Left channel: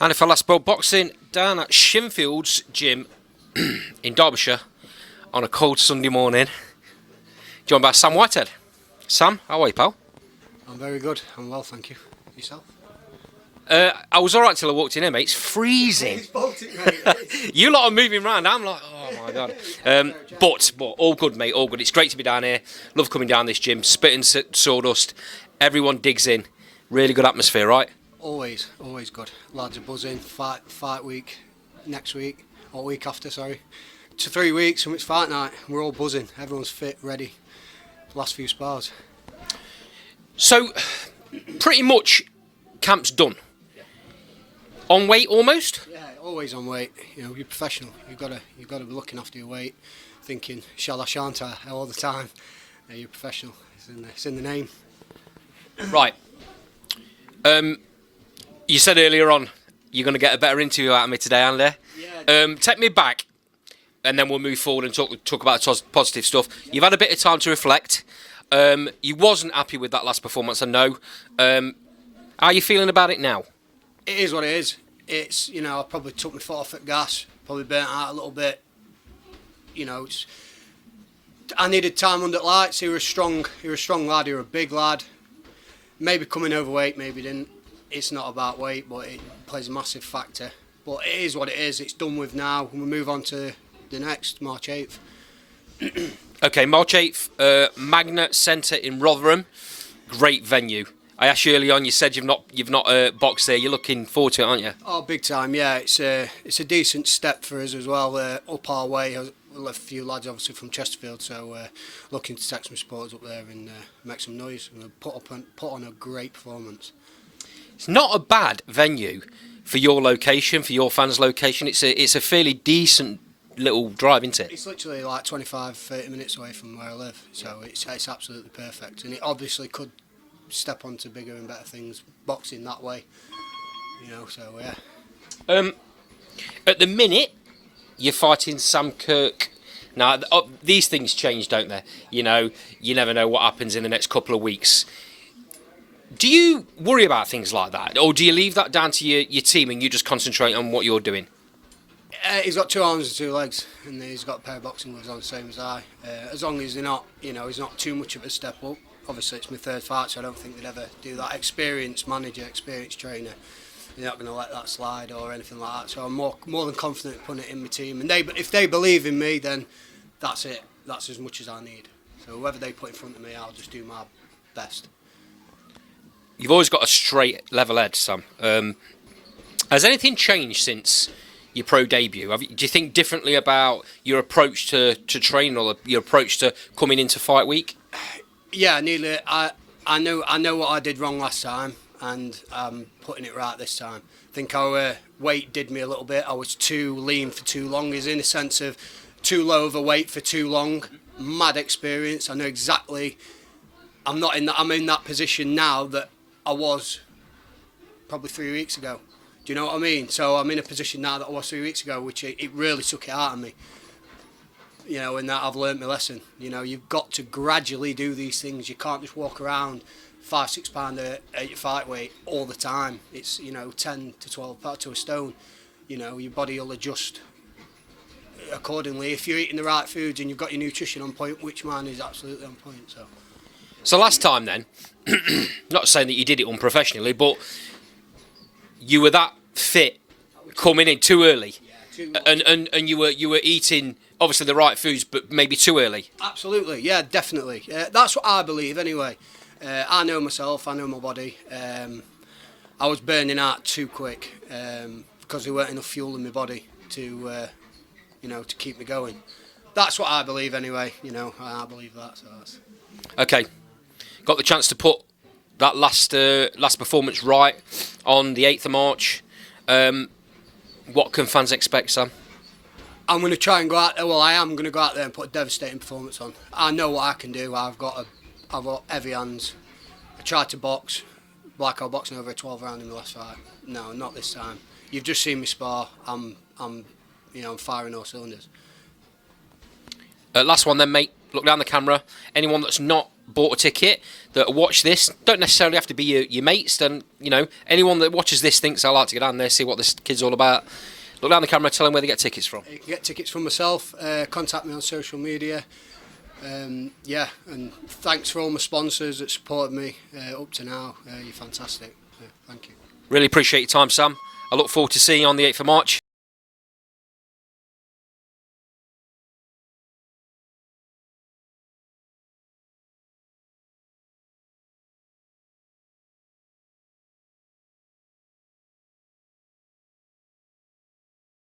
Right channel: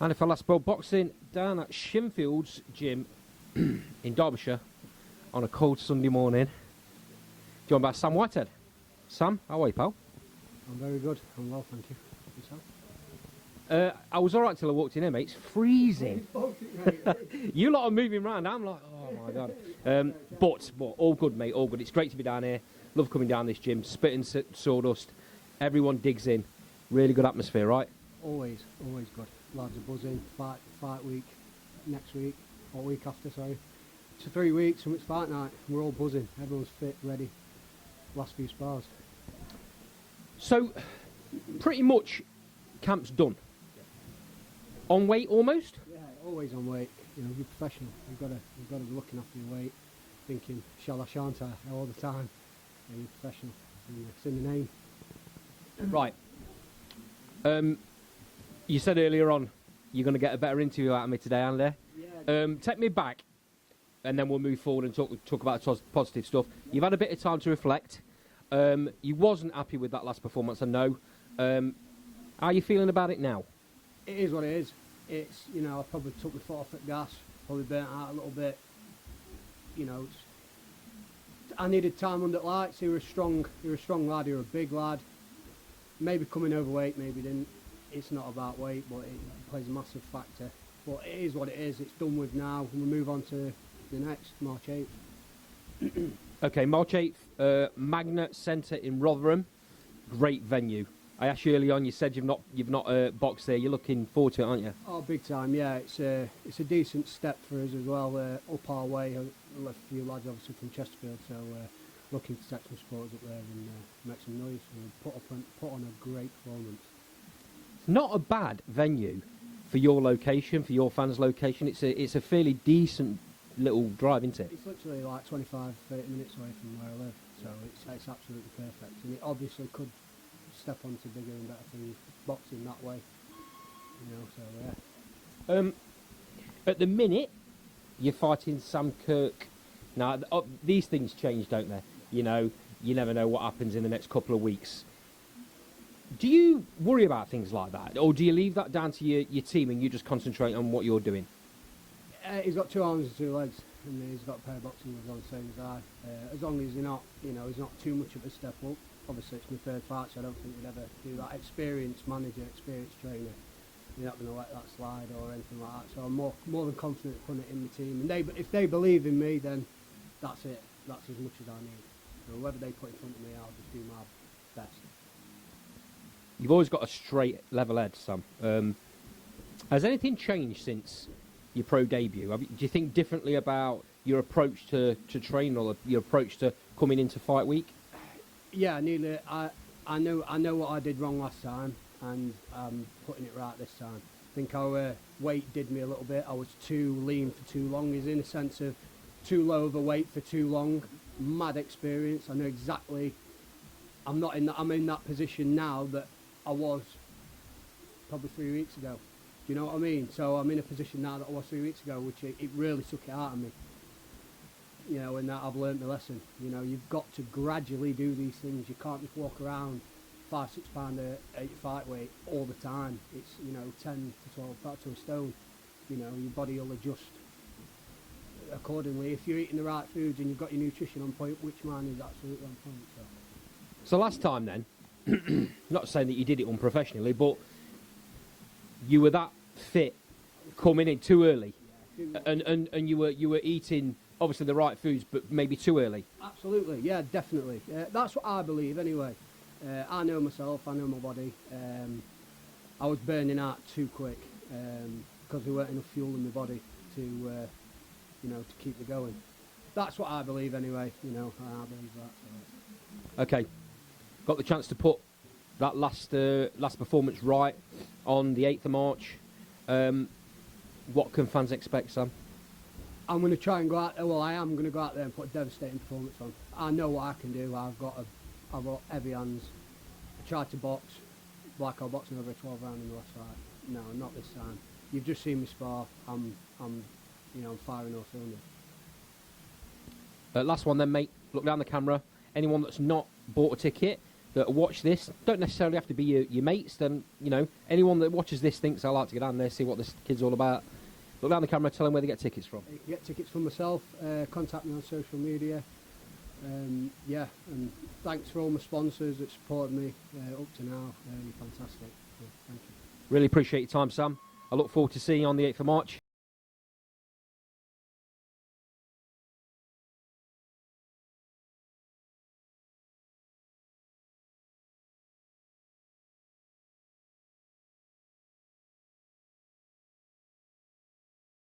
And if I last spoke boxing down at Shinfield's gym in Derbyshire on a cold Sunday morning, joined by Sam Whitehead. Sam, how are you, pal? I'm very good. I'm well, thank you. Yourself? I was all right till I walked in here, mate. It's freezing. It's Baltic, mate. You lot are moving around. I'm like, oh my God. But all good, mate. All good. It's great to be down here. Love coming down this gym. Spitting sawdust. Everyone digs in. Really good atmosphere, right? Always good. Lads are buzzing. Fight week next week, or week after, sorry. 3 weeks and it's fight night. We're all buzzing. Everyone's fit, ready. Last few spars. So, pretty much, camp's done. On weight almost? Yeah, always on weight. You know, you're professional. You've got to be looking after your weight, thinking shall I, shan't I all the time. You're professional. It's in the name. Right. You said earlier on you're going to get a better interview out of me today, Andy. Yeah. Take me back, and then we'll move forward and talk about positive stuff. You've had a bit of time to reflect. You wasn't happy with that last performance, I know. How are you feeling about it now? It is what it is. It's, you know, I probably took my foot off at gas, probably burnt out a little bit. You know, I needed time under lights. He was a strong lad. He was a big lad. Maybe coming overweight, maybe didn't. It's not about weight, but it plays a massive factor. But it is what it is. It's done with now. We move on to the next, March 8th. Okay, March 8th, Magna Centre in Rotherham. Great venue. I asked you early on, you said you've not boxed there. You're looking forward to it, aren't you? Oh, big time, yeah. It's a decent step for us as well, up our way. A few lads obviously from Chesterfield, so looking to take some supporters up there and make some noise and put on a great performance. It's not a bad venue for your location, for your fans' location. It's a fairly decent little drive, isn't it? It's literally like 25-30 minutes away from where I live, so it's absolutely perfect. And it obviously could step onto bigger and better things, boxing that way, you know, so yeah. At the minute, you're fighting Sam Kirk. Now, these things change, don't they? You know, you never know what happens in the next couple of weeks. Do you worry about things like that, or do you leave that down to your team and you just concentrate on what you're doing? He's got 2 arms and 2 legs, and he's got a pair of boxing gloves on, the same as I. As long as they're not, you know, he's not too much of a step up. Obviously, it's my 3rd fight, so I don't think they'd ever do that. Experienced manager, experienced trainer, they're not going to let that slide or anything like that. So I'm more than confident putting it in my team. And if they believe in me, then that's it. That's as much as I need. So whoever they put in front of me, I'll just do my best. You've always got a straight, level head, Sam. Has anything changed since your pro debut? Do you think differently about your approach to training or your approach to coming into fight week? Yeah, nearly. I know what I did wrong last time, and I'm putting it right this time. I think our weight did me a little bit. I was too lean for too long, is in a sense of too low of a weight for too long. Mad experience. I know exactly. I'm in that position now that I was probably 3 weeks ago. Do you know what I mean? So I'm in a position now that I was 3 weeks ago, which it really took it out of me. You know, and that I've learnt my lesson. You know, you've got to gradually do these things. You can't just walk around 5-6 pound at your fight weight all the time. It's, you know, 10 to 12 pounds to a stone. You know, your body will adjust accordingly. If you're eating the right foods and you've got your nutrition on point, which mine is absolutely on point. So last time then, not saying that you did it unprofessionally, but you were that fit coming in too early, and you were eating obviously the right foods, but maybe too early. Absolutely, yeah, definitely. That's what I believe anyway. I know myself, I know my body. I was burning out too quick because there weren't enough fuel in my body to, you know, to keep me going. That's what I believe anyway. You know, I believe that. So that's okay. Got the chance to put that last performance right on the 8th of March. What can fans expect, Sam? I'm going to try and go out there. Well, I am going to go out there and put a devastating performance on. I know what I can do. I've got heavy hands. I tried to box, like I was boxing over a 12 round in the last fight. No, not this time. You've just seen me spar. I'm firing all cylinders. Last one then, mate. Look down the camera. Anyone that's not bought a ticket that watch this don't necessarily have to be your mates. And anyone that watches this thinks I like to get down there, see what this kid's all about. Look down the camera, tell them where they get tickets from. You can get tickets from myself. Contact me on social media. And thanks for all my sponsors that supported me up to now. You're fantastic. Thank you. Really appreciate your time, Sam. I look forward to seeing you on the 8th of March.